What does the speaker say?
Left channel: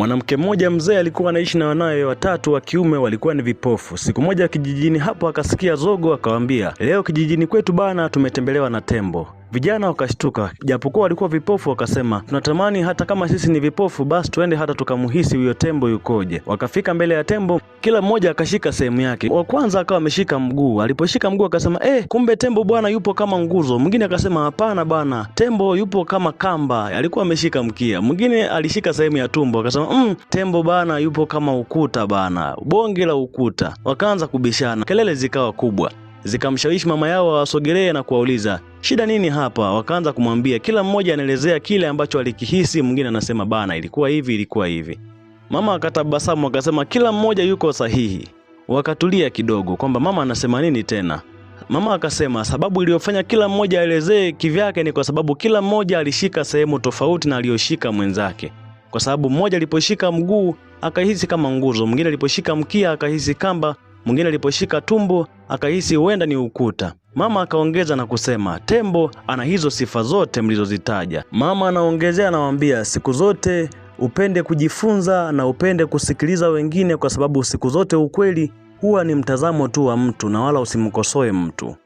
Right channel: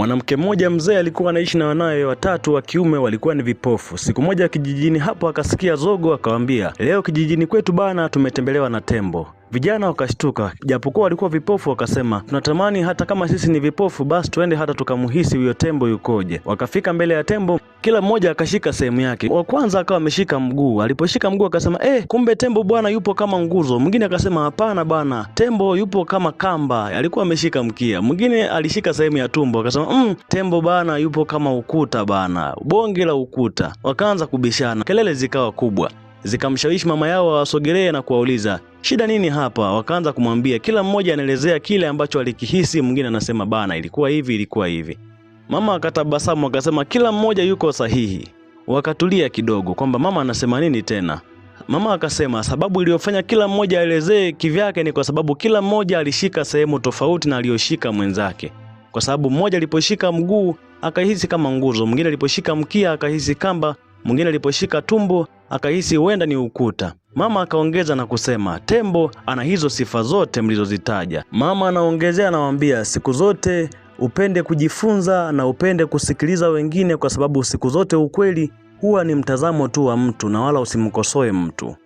Mwanamke mmoja mzee alikuwa anaishi na wanawe watatu wa kiume walikuwa ni vipofu. Siku moja kijijini hapo akasikia zogo, akawaambia, leo kijijini kwetu bana tumetembelewa na tembo. Vijana wakashtuka, japokuwa walikuwa vipofu, wakasema tunatamani hata kama sisi ni vipofu basi tuende hata tukamuhisi huyo tembo yukoje. Wakafika mbele ya tembo, kila mmoja akashika sehemu yake. Wa kwanza akawa ameshika mguu, aliposhika mguu akasema kumbe tembo bwana yupo kama nguzo. Mwingine akasema hapana bwana, tembo yupo kama kamba, alikuwa ameshika mkia. Mwingine alishika sehemu ya tumbo akasema tembo bana yupo kama ukuta bana, bonge la ukuta. Wakaanza kubishana, kelele zikawa kubwa, zikamshawishi mama yao wasogelee na kuwauliza shida nini hapa. Wakaanza kumwambia, kila mmoja anaelezea kile ambacho alikihisi. Mwingine anasema bana ilikuwa hivi. Mama akatabasamu akasema kila mmoja yuko sahihi. Wakatulia kidogo kwamba mama anasema nini tena. Mama akasema sababu iliyofanya kila mmoja aelezee kivyake ni kwa sababu kila mmoja alishika sehemu tofauti na aliyoshika mwenzake. Kwa sababu mmoja aliposhika mguu akahisi kama nguzo, mwingine aliposhika mkia akahisi kamba, mwingine aliposhika tumbo akahisi huenda ni ukuta. Mama akaongeza na kusema tembo ana hizo sifa zote mlizozitaja. Mama anaongezea anawaambia siku zote upende kujifunza na upende kusikiliza wengine, kwa sababu siku zote ukweli huwa ni mtazamo tu wa mtu na wala usimkosoe mtu.